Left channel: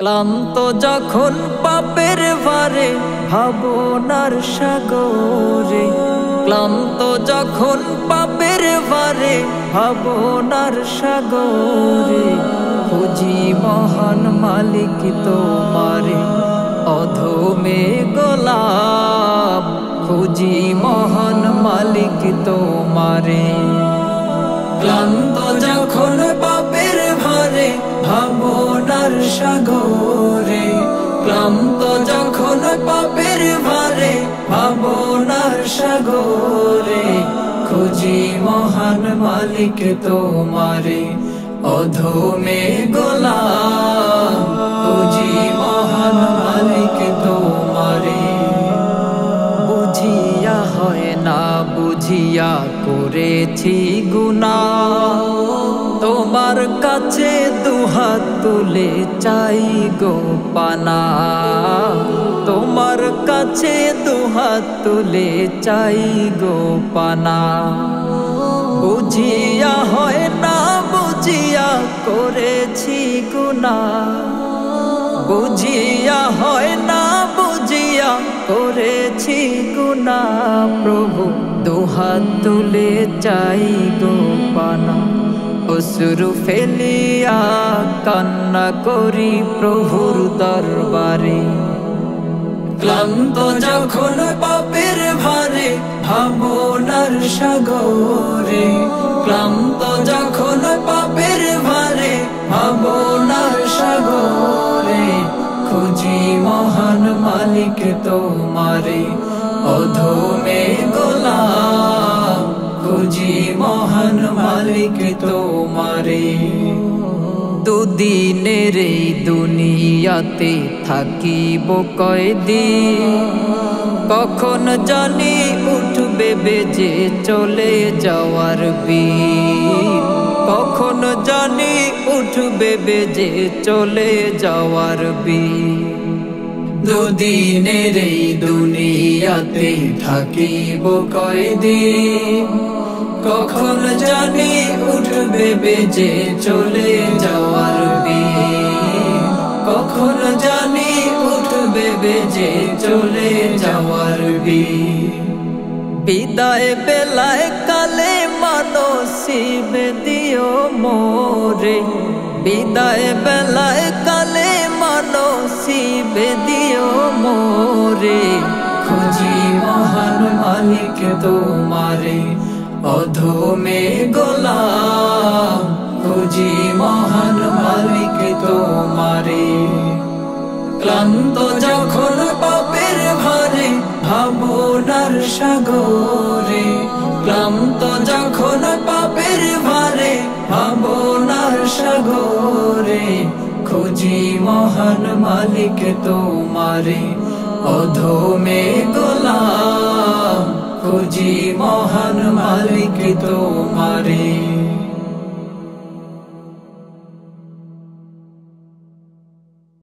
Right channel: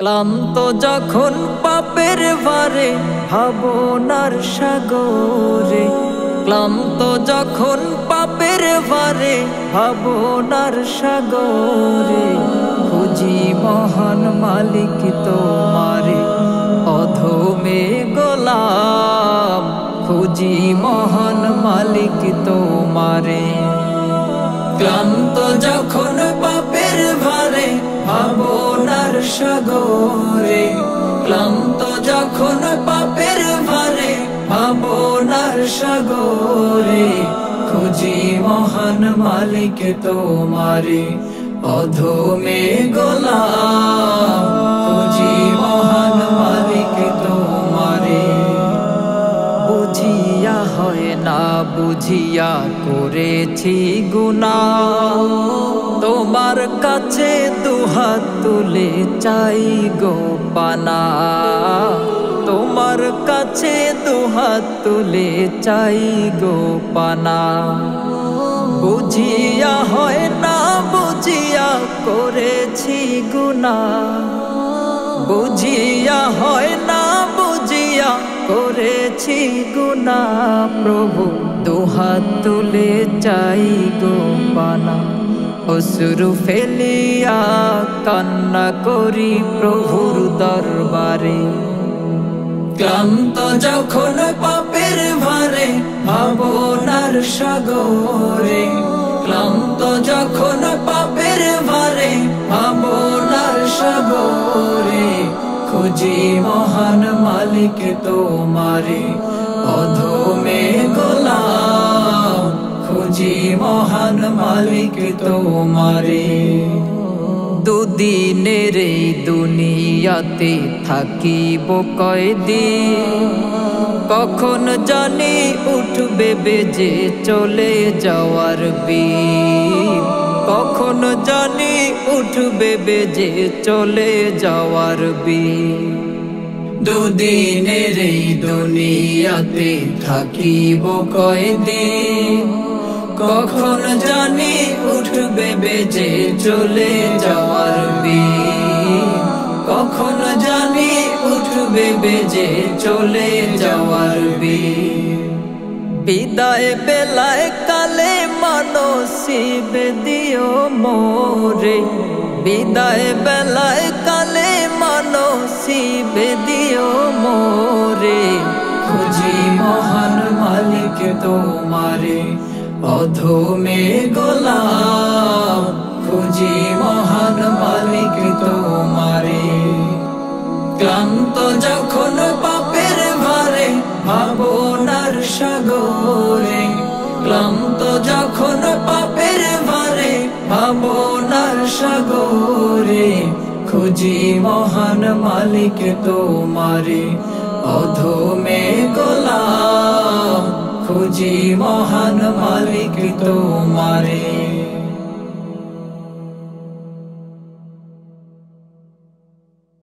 ক্লান্ত যখন পাপের ভারে ভাবনার সাগরে, ক্লান্ত যখন পাপের ভারে ভাবনার সাগরে, খুঁজি মহান মালিক তোমারে, অধমে গোলাম খুঁজি মহান মালিক তোমারে। ক্লান্ত যখন পাপের ভারে ভাবনার সাগরে, ক্লান্ত যখন পাপের ভারে ভাবনার সাগরে, খুঁজি মহান মালিক তোমারে, অধমে গোলাম খুঁজি মহান মালিক তোমারে। বুঝিয়া হয় না বুঝিয়া করেছি গুনাহ, তোমার কাছে দুহাত তুলে চাই গো পানা, তোমার কাছে দুহাত তুলে চাই গো পানা। বুঝিয়া হয় না বুঝিয়া করেছি গুনাহ, বুঝিয়া হয় না বুঝিয়া করেছি গুনাহ, প্রভু দুহাত তুলে চাই গো পানা। অশ্রু ফেলিয়া কান্না করি প্রভুর দরবারে। ক্লান্ত যখন পাপের ভারে ভাবনার সাগরে, ক্লান্ত যখন পাপের ভারে ভাবনার সাগরে, খুঁজি মহান মালিক তোমারে, অধমে গোলাম খুঁজি মহান মালিক তোমারে। দুদিনের এই দুনিয়াতে থাকিব কয়দিন, কখন জানি উঠবে বেজে চলে যাওয়ার বিন, কখন জানি উঠবে বেজে চলে যাওয়ার বিন। দুদিনের এই দুনিয়াতে থাকিব কয়দিন, কখন জানি উঠবে বেজে চলে যাওয়ার দিন, কখন জানি উঠবে বেজে চলে যাওয়ার দিন। বিদায় বেলায় কালে মানসিবে দিও মোরে, বিদায় বেলায় কালে মানসিবে দিও মোরে, খুঁজি মহান মালিক তোমারে, অধমে গোলাম খুঁজি মহান মালিক তোমারে। ক্লান্ত যখন পাপের ভারে ভাবনার সাগরে, ক্লান্ত যখন পাপের ভারে ভাবনার সাগরে, খুঁজি মহান মালিক তোমারে, অধমে গোলাম খুঁজি মহান মালিক তোমারে।